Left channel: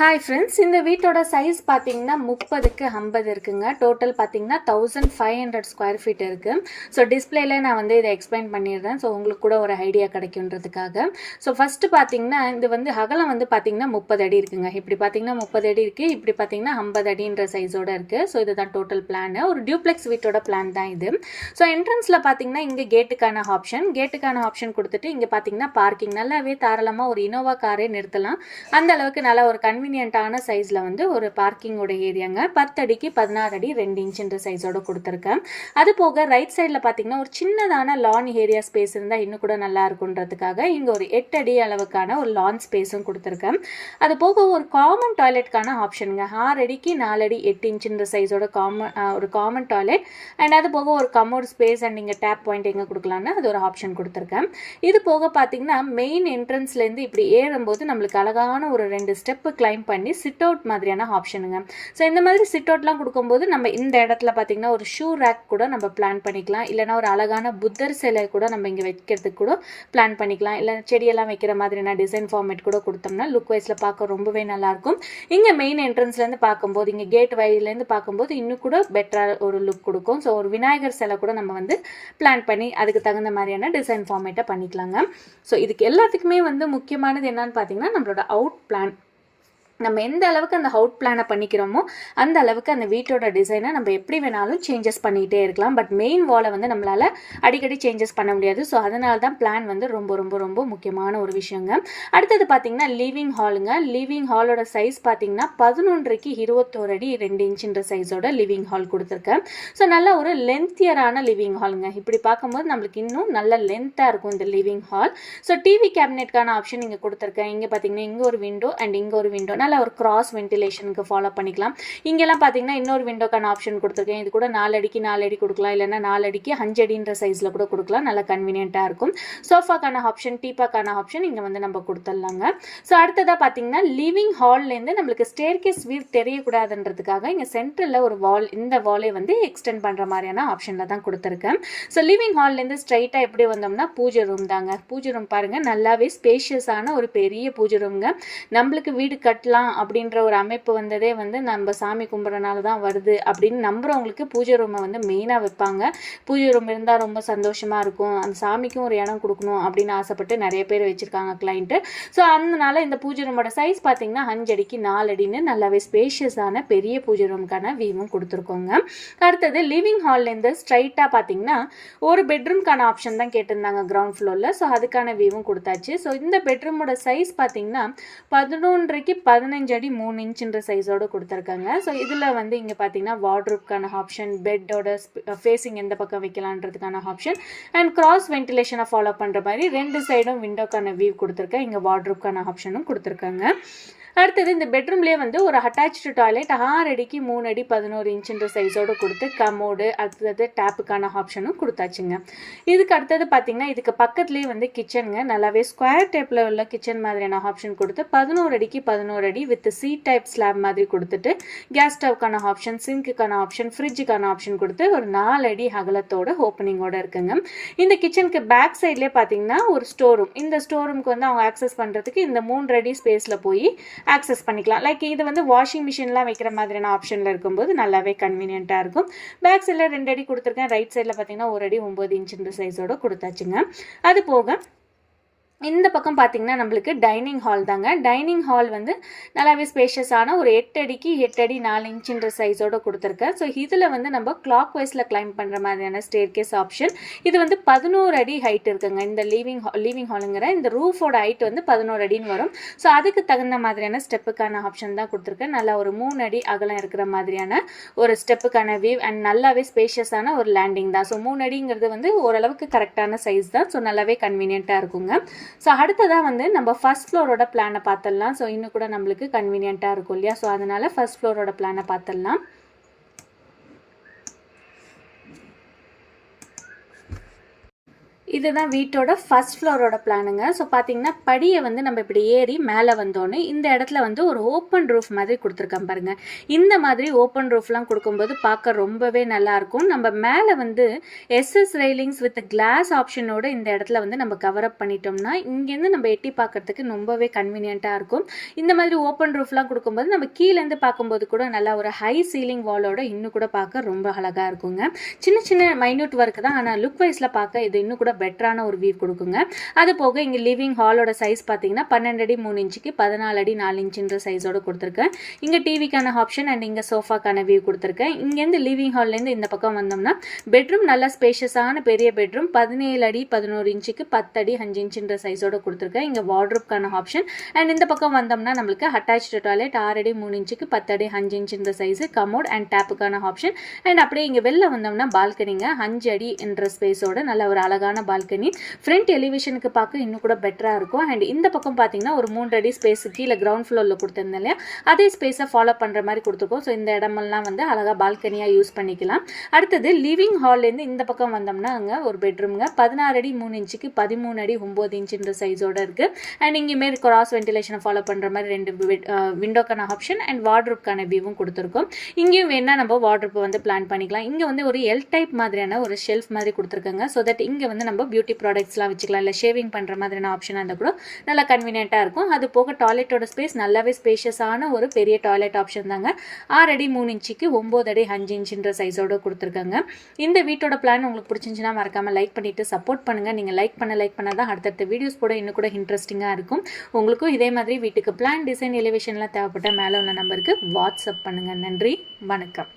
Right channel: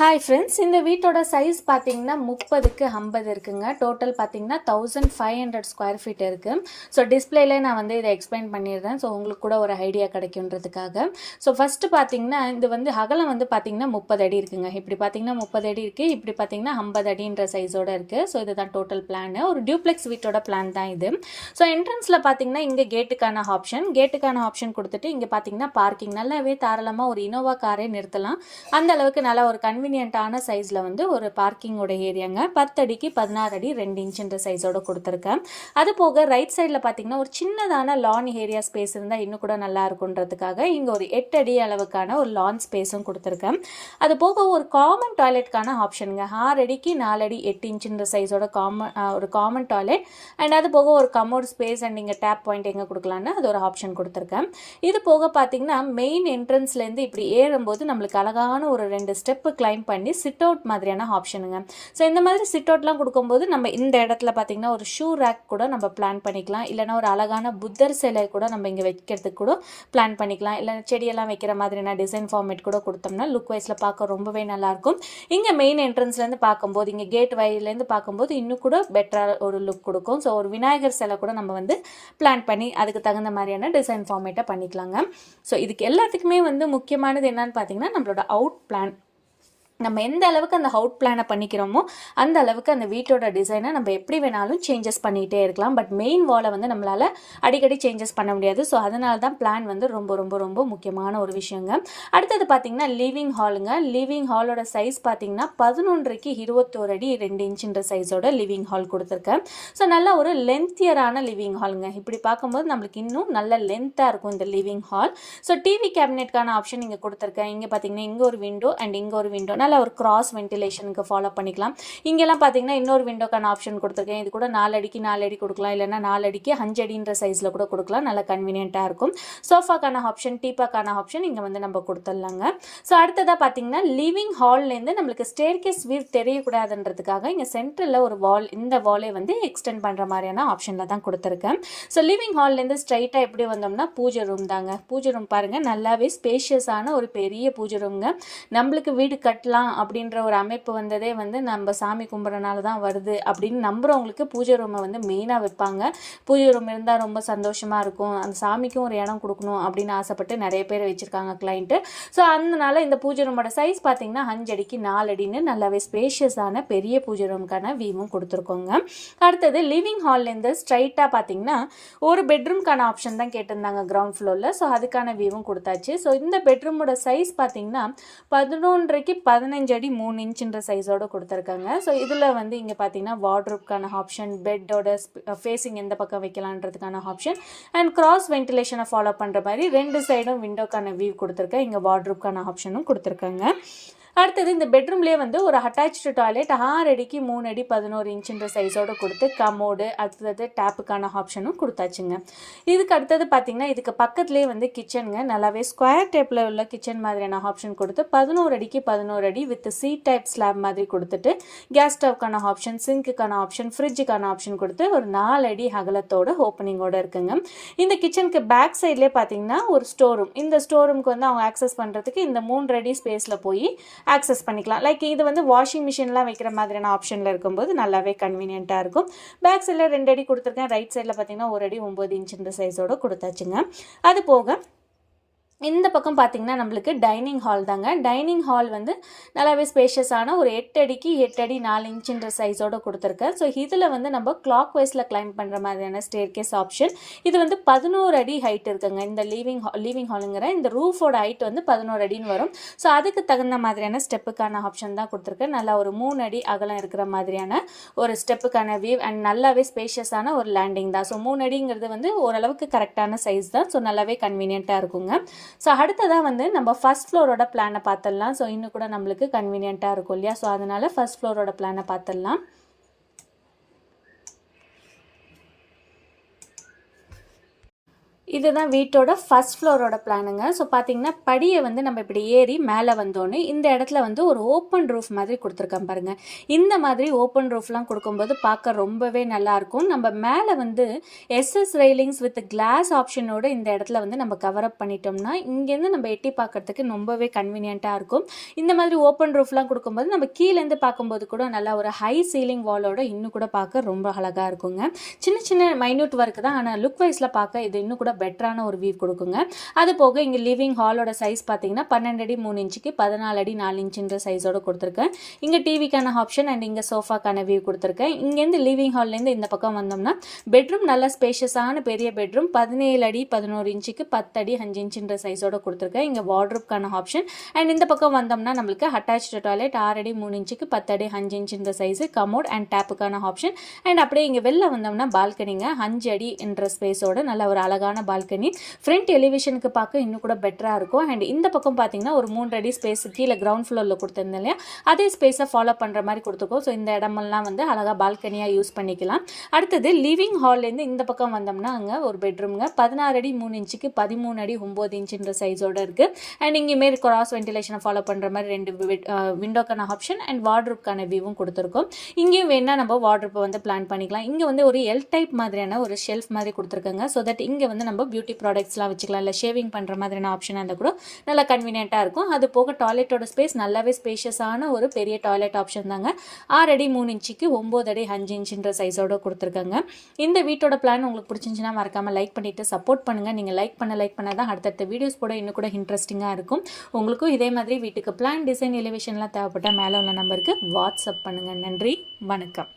Hi friends, இந்த வீட்டோட size பார்த்தீங்கன்னா 30க்கு 50 இருக்குங்க. டோட்டல் பார்த்தீங்கன்னா 1500 ஸ்கொயர் ஃபீட் இருக்குது. ஸோ டிஸ்பிளேல நான் வந்து இதை எக்ஸ்பிளைன் பண்ணிடுறேன். ஸோ உங்களுக்கு கூட ஒரு ஐடியா கிடைக்குன்றதுக்காக. ஸோ ஃபஸ்ட்டு பார்த்தீங்கன்னா இது வந்து அகலம் வந்து பார்த்தீங்கன்னா 30 அடி இருக்குங்க. இப்படி பார்த்தீங்கன்னா 30 அடி இருக்குது, இப்படி பார்த்தீங்கன்னா 50 அடின்ற சைஸோடு இருக்குது. ஸோ இதுதான் டோட்டல் பிளான். ஒரு டியூப்ளெக்ஸ் வீட்டோட பிளான் தான் இது. ஸோ என்ட்ரன்ஸில் பார்த்தீங்கன்னா இங்கே கேட்டுக்கான ஆப்ஷன் கொடுத்துட்டு இங்கே பார்த்தீங்கன்னா பார்க்கிங் நல்லாவே தாராளமாக ஒரு இனோவா காரே நிறுத்தலாம். அந்த அளவுக்கு நல்லா ஒரு கன்வீனியன்ட்டான சைஸில் வந்து ஒரு பார்க்கிங்கோட ஏரியாங்க. 10 அடிக்கு 16 அடி 2 இன்ச்சுன்ற சைஸோட கொடுத்துருக்கேன். அது போக ரைட் சைடில் பார்த்தீங்கன்னா ஒரு சின்னதான லான் ஏரியா ஸ்பேஸ் இருந்தால் இன்னும் கூட நல்லா இருக்குன்றதுக்காக இங்கே ஒரு 8 அடி அளவுக்கான ஒரு லான் ஸ்பேஸும் கொடுத்துருக்கேன். அது போக ஒரு காமன் டாய்லெட்கான ஆப்ஷனுங்க. 6 அடிக்கு 4 அடி 8 இன்ச்சுன்ற சைஸோட ஒரு காமன் டாய்லெட் அண்ட் அது போக ஒரு கமோட் ஸ்பேஸ் அண்ட் இங்கே டேப் பாயிண்ட் எங்கே கொடுக்கலான்னு அது ஒரு ஆப்ஷன் கொடுத்துருக்கேன். இது போக பார்த்தீங்கன்னா மெயின் என்ட்ரன்ஸ்லேருந்து இப்படி ஏறும்போது நம்மளுக்கு அழகான ஒரு 2 ஸ்டெப்பு கிளைம் பண்ணி சிட் அவுட் மாதிரியான ஆப்ஷனுங்க. ஸோ இந்த மாதிரி சிட் அவுட்லாம் கொடுக்கும்போது நம்ம இந்த இடத்துல பார்த்தீங்கன்னா ஒரு ஷூ ரேக் கூட நம்ம பிளான் பண்ணிக்கலாம். இல்லைனா ஒரு அழகான புத்தர் சிலை கூட நம்ம இங்கே வைக்கிறதுக்கு கூட பிளான் பண்ணிக்கலாம். இல்லை செடியெல்லாம் வைக்கிற மாதிரியான டிசைன் ஃபார்மேட் கூட கொடுத்தோம்னா லுக் வைஸில் பார்க்க ரொம்பவே நல்லாயிருக்கும். இங்கே மெயின் என்ட்ரன்ஸ்லேருந்து பார்க்கும்போது இங்கே கேட் வழியிலேருந்து பார்க்கும்போது இன்னும் கூட பெட்டராக ஒரு லுக் கொடுக்கும். ஸோ ஒரு விநாயகர் சிலை கூட நம்ம வந்து பிளான் பண்ணி அதுக்கு தகுந்த மாதிரியான டிசைன் ஃபார்மேட்டை பண்ணிக்கலாங்க. ஸோ இதுக்கு எல்லாத்துக்குமே வந்து முக்கியமானது என்னன்னு பார்த்தீங்கன்னா நம்மளோட அவுட் பிளான். நம்ம எந்த அளவுக்கு அந்த அவுட் பிளானை பண்ணிக்கிறோமோ அந்த அளவுக்கு அந்த வீட்டோட டிசைனை நம்ம எப்படி வேணாலும் சேஞ்சஸ் பண்ணிகிட்டே இருக்கலாம். பட் மெயின் வாலை வந்து நம்மளால் அடிக்கடி சேஞ்சஸ் பண்ண முடியாது. ஸோ அதனால தான் பிளான் வந்து ரொம்ப ரொம்ப ரொம்ப முக்கியமான ஒரு விஷயங்க. அடுத்தது பார்த்தீங்கன்னா லிவிங் ஹாலுங்க. லிவிங் ஹாலோட சைஸ் பார்த்தீங்கன்னா 11க்கு 21 அடி 2 இன்ச்சுன்ற சைஸோட லிவிங் ஹால் கொடுத்துருக்கேன். ஸோ நல்லா ஒரு லென்த்தியரான லிவிங் ஹாலுங்க. இப்படி பார்க்கும்போது நம்மளுக்கு இன்னும் நல்ல லென்த்தாக இருக்கும் இந்த லிவிங் ஹால். ஸோ டிவி கேபினெட்கான ஆப்ஷன் இங்கே கொடுத்துருக்கேன். இங்கே பார்த்தீங்கன்னா இங்கே ஒரு விண்டோ அண்ட் இங்கே ஒரு விண்டோ ஒரு கிராஸ் வென்டிலேஷனுக்கு ஃபாலோ பண்ணிக்கலாம். இங்கெல்லாம் பார்த்தீங்கன்னா இன்னொரு விண்டோக்கான ஆப்ஷன் கொடுத்துருக்கேன். இது கூட 4 அடிக்கு 4 அடி கொடுக்கலாம், இல்லைன்னா 4 அடிக்கு 5 அடின்ற சைஸில் கூட கொடுக்கலாம். நல்லா கன்வீனியன்ட்டாக இருக்கும். சோஃபாக்கான ஆப்ஷன், டீப்பாக்கான ஆப்ஷன் இங்கே வந்து நம்ம கொடுத்துடலாங்க. ஸோ அடுத்ததாக பார்த்தீங்கன்னா லிவிங் ஹால்லேருந்து நம்மளுக்கு ஸ்டேர்கேஸ் வியூ தெரியக்கூடாதுன்றதுக்காக இங்கே சென்டரில் ஒரு வால், இந்த வாலே வந்து எக்ஸ்டெண்ட் பண்ணுற மாதிரியான ஆப்ஷனில் தான் கொடுத்துருக்கேன். ஸோ லிவிங் ஹால்லேருந்து ஸ்ட்ரைட்டாக எப்படி வந்தோம்னா பூஜை ரூம் தாங்க. பூஜை ரூம் பாருங்கள், நல்லாவே ஸ்பேஷியஸான ஒரு பெரிய பூஜை ரூம்ங்க. நம்மளுக்கு வீடு கட்டலாம் அப்படின்ற ஒரு அமைப்பு வந்ததே வந்து நம்ம சாமி கும்பிட்றனால தான் வருது அப்படின்னு நம்புறவங்களுக்கு பூஜை ரூமை வந்து மெயினாக வைப்பாங்க. பூஜை ரூம் இருந்தால் ரொம்ப சந்தோஷமாக இருக்கும், அந்த சாமிக்கும் ஒரு இடம் கொடுக்கணும் அப்படின்னு ஆசைப்பட்டு நிறைய பேர் வச்சுருக்காங்க கிளைண்ட்டு. ஸோ அதனால இந்த பூஜை ரூமோட சைஸ் பார்த்தீங்கன்னா 5 அடிக்கு 4 அடின்னு நல்லாவே ஸ்பேஷியஸான பெரிய பூஜை ரூமுக்கான வியூவும் கொடுத்துருக்கோங்க. அடுத்தது லிவிங் ஹால்லேருந்து ஸ்ட்ரைட்டாக பார்த்தீங்கன்னா ஒரு பெட்ரூம்க்கான ஆப்ஷன் தான் கேட்டிருந்தாங்க கிரவுண்ட் ஃப்ளோரில். ஸோ அதுக்கான வியூவும் கொடுத்தாச்சு. ஸோ இந்த பெட்ரூமோட சைஸ் பார்த்தீங்கன்னா 11க்கு 15 அடி 3 இன்ச்சுன்ற சைஸோடு கொடுத்துருக்காங்க. ஸோ இதில் வந்து இங்கே பார்த்தீங்கன்னா வார்ட்ரூப்கான ஆப்ஷன், பெட்டோட ஃபேஸிங் எந்த பக்கம் வைக்கலான்றதுக்கான ஆப்ஷன் அண்ட் கிராஸ் வென்டிலேஷனை ஃபாலோ பண்ணுற மாதிரி 2 சைடும் விண்டோக்கான வியூ கொடுத்துருக்கேன். இங்கே வார்ட்ரூப்கான ஆப்ஷனும் கொடுத்துருக்காங்க. அடுத்தது இந்த பெட்ரூம்லேயே வந்து ஒரு அட்டாச்சு டாய்லெட் 6 அடிக்கு 3 அடி 11 இன்ச்சுன்ற சைஸோடு கொடுத்து கமோடு, அடுத்தது டேப்புக்கான ஆப்ஷனும் கொடுத்தாச்சுங்க. இதுக்கு அடுத்தது பார்த்தீங்கன்னா இதுக்கு பக்கத்துலேயே வந்து கிச்சனுங்க. நல்லாவே ஸ்கொயர் டைப்பில் உள்ள கிச்சன் மாதிரியான ஆப்ஷன் கொடுத்து 11 அடிக்கு 11 அடி வித் சி டைப் ஸ்லாப் மாதிரி கொடுத்துட்டு கேஸ் ஸ்டவ்க்கான ஆப்ஷன், சிங்க்குக்கான ஆப்ஷன், ஃப்ரிட்ஜுக்கான ஆப்ஷன் கொடுத்து ஒரு 4 அடி அகலத்தோட ஓப்பனிங்கோட இருக்குங்க. இந்த கிச்சனுக்கு பேக் சைட்லேயே பார்த்தீங்கன்னா ஒரு ஸ்டோர் ரூம். இந்த ஸ்டோர் ரூமுக்கு வந்து அவங்க ஆக்சஸ் பண்ணுறதுக்கு இந்த 3 அடி ஸ்பேஸில் போய் ஆக்சஸ் பண்ணிக்கலாம். லைக் இது வந்து வாஷிங் மிஷின்லாம் வைக்கிற மாதிரியான ஆப்ஷனில் இருக்கும்போது நல்லாவே கன்வீனியன்ட்டாக இருக்கும். பேக் சைடில் 2 அடி கொடுத்துருக்கேன். ரைட் சைடில் பார்த்தீங்கன்னா 1 அடி 9 இன்ச்சுன்ற சைஸோட கொடுத்தாச்சுங்க. அது போக இந்த பக்கம் பார்த்தீங்கன்னா நம்மளுக்கு டைனிங் ஹால் தாங்க. டைனிங் ஹால் வந்து நல்லாவே ஸ்பேஷியஸான ஒரு 8 அடிக்கு 8 அடி 4 இன்ச்சுன்ற சைஸோடு கொடுத்துருக்கேன். ஸோ இதில் வந்து நம்ம கிளாக் வைஸில் கிளைம் பண்ணுற மாதிரியான ஸ்டேர்கேஸ் ஆப்ஷன். இது வந்து 11 அடி ஹைட் இருக்குங்க. இந்த லிவிங் ஹாலுங்கிற இந்த ரூஃபோட ஹைட் வந்து 11 அடின்னு வரும். ஸோ அதுக்கு தகுந்த மாதிரியான ஸ்டெப்புக்கான ஆப்ஷன் தான் கொடுத்துருக்கேன். நல்லா ஒரு 3 அடி அகலம் இருக்கிற மாதிரியான ஒரு ஸ்டெப்புக்கான வியூ அண்ட் நல்லாவே ஸ்பேஷியஸான ஒரு லேண்டிங் தான். ஸோ 3 அடிங்கிறது வந்து ஓரளவுக்கு கரெக்டான சைஸ் தான். ஸோ நல்லாவே கன்வீனியண்ட்டாக இருக்குங்க. ஸோ அடுத்ததாக வந்து நம்ம ஃபர்ஸ்ட் ஃப்ளோரோட பிளானை பார்த்துடலாம். ஸோ இன்னும் கூட நம்மளுக்கு கன்வீனியண்ட்டாக இருக்கும் இல்லையா? ஸோ அதனால் ஃபர்ஸ்ட் ஃப்ளோரோட பிளானை பார்த்துடலாம். இதுதான் வீட்டோட ஃபர்ஸ்ட் ஃப்ளோரோட பிளானுங்க. ஸோ பார்த்தீங்கன்னா படியை வந்து நம்ம இப்படி ஏறி மேலே வந்தோன்னே இந்த இடத்துல வந்து ஒரு ஓப்பன் ரூஃப் மாதிரி கொடுத்துருக்கேன் பாருங்கள். இந்த மாதிரி ஓப்பன் ரூஃப்லாம் கொடுக்கும்போது பார்க்க ரொம்பவே நல்லாயிருக்கும். நம்ம மேலே வந்து எஸ்எஸ் ரெயிலிங்ஸ் வித் கிளாஸ் ஆப்ஷனோட இந்த இடத்துல வந்து நம்ம கவர் அப் பண்ணிட்டோம்னா இங்கேருந்து நம்ம எட்டி பார்க்கறதுக்கு ரொம்பவே கன்வீனியண்ட்டாக இருக்கும். இந்த மாதிரி ஓப்பன் ரூஃப்லாம் கொடுக்கும்போது நம்ம கீழேருந்து பார்க்கும்போது கூட நல்லா ஒரு ஹை சீலிங் வாலோட இன்னும் கூட பார்க்க ரொம்ப அழகாக இருக்குங்க. சின்ன சின்ன மைன்யூட் ஒர்க் தான், ஆனால் லுக் வைஸில் பார்க்க இது இன்னும் கூட பெட்டரான ஒரு வியூ கொடுக்குங்க. அது போக இங்கே லிவிங் ஹாலோட சைஸ் பார்த்தீங்கன்னா 12 அடி 3 இன்ச்சுக்கு 14 அடி 4 இன்ச்சுன்ற சைஸோட கொடுத்துருக்கேன். இங்கே டிவிக்கான ஆப்ஷன் அண்ட் இங்கே சோஃபாக்கான வியூ கொடுத்துருக்கேன். இங்கேருந்து லிவிங் ஹால்லேருந்து இந்த பக்கம் வந்தோம்னா பெட்ரூம் நல்ல ஸ்பேஷியஸான பெரிய பெட்ரூம் 17 அடி 11 இன்ச்சுக்கு 10 அடி 5 இன்ச்சுன்ற சைஸோட கொடுத்துருக்கேன். இங்கே வார்ட்ரோப்கான ஆப்ஷன் அண்ட் இந்த பக்கம் வந்தோம்னா நம்மளுக்கு அட்டாச்சு டாய்லெட் 6 அடி 3 இன்ச்சுக்கு 10 அடி 5 இன்ச்சுன்ற சைஸு கமோட் அண்ட் டேப்புக்கான ஆப்ஷன் அண்ட் அப்படியே இங்கே வெளில வந்தோம்னா பால்கனிங்க 5 அடி என்ற ஸ்பேஸோட நல்ல ஒரு அழகான பால்கனி. ஃப்ரண்ட் எலிவேஷனுக்கு பார்க்க இன்னும் கூட பெட்டராக இருக்கும். அண்ட் இந்த பக்கம் பார்த்தீங்கன்னா ஒரு 3 அடி ஸ்பேஸ் கீழே கிரவுண்ட் ஃப்ளோரில் கொடுத்துருந்தேன் இல்லையா, அதே ஸ்பேஸை ஃபாலோ பண்ணுற மாதிரி கொடுத்துருக்கோம். ஸோ இந்த இடமெல்லாம் வந்து அழகாக பால்கனியாக யூஸ் பண்ணிக்கலாம். அடுத்தது லிவிங் ஹால்லேருந்து இந்த பக்கம் வந்தோம்னா அங்கே ஒரு பெட்ரூம்ங்க 16 அடி 3 இன்ச்சுக்கு 13 அடி 9 இன்ச்சுன்ற சைஸோட இருக்குது. அண்ட் இங்கேயுமே கிராஸ் வென்டிலேஷனை ஃபாலோ பண்ணுற மாதிரி 2 விண்டோக்கான ஆப்ஷன் அண்ட் வார்ட்ரோப்கான வியூவும் கொடுத்துருக்கோம். இங்கேயும் வேணா நம்ம வார்ட்ரோப்பை வந்து பிளான் பண்ணிக்கலாம். இங்கே வந்து ஒரு எல் டைப் மாதிரியான ஒரு ஷெல்ஃப் மாதிரி கொடுத்துருக்காங்க. ஸோ தட் இங்கே வந்து நம்ம பியூட்டி ப்ராடக்ட்ஸ்லாம் வச்சுக்கலாம், இல்லை ஷேவிங் பண்ணுற மாதிரியான ஆப்ஷனாக இருந்தால் கூட நல்லா கன்வீனியண்ட்டாக இருக்கும். அது போக டாய்லெட்டோட ஸ்பேஸ் நல்லாவே ஸ்பேஷியஸான ஒரு பெரிய டாய்லெட் ஆப்ஷன் தாங்க. 6 அடி 3 இன்ச்சுக்கு 9 அடி 5 இன்ச்சுன்ற சைஸோட கொடுத்துருக்காங்க. இந்த வீட்டோட பிளான் உங்களுக்கு பிடிச்சிருந்துச்சுன்னா மறக்காமல் லைக் பண்ணிவிட்டு சப்போர்ட் பண்ணுங்கள். நீங்கள் லைக் பண்ண தான் அடுத்தடுத்த வீடியோஸ் கூட இன்னும் கூட இன்ட்ரெஸ்டிங்காக இருக்கும். உங்களுக்கும் இதே மாதிரி வீட்டுக்கு பிளான் டிசைன் எலிவேஷன்லாம் தேவைப்பட்ட மேலே உள்ள நம்பருக்கு வாட்ஸ்அப் பண்ணுங்கள். நன்றி, வணக்கம்.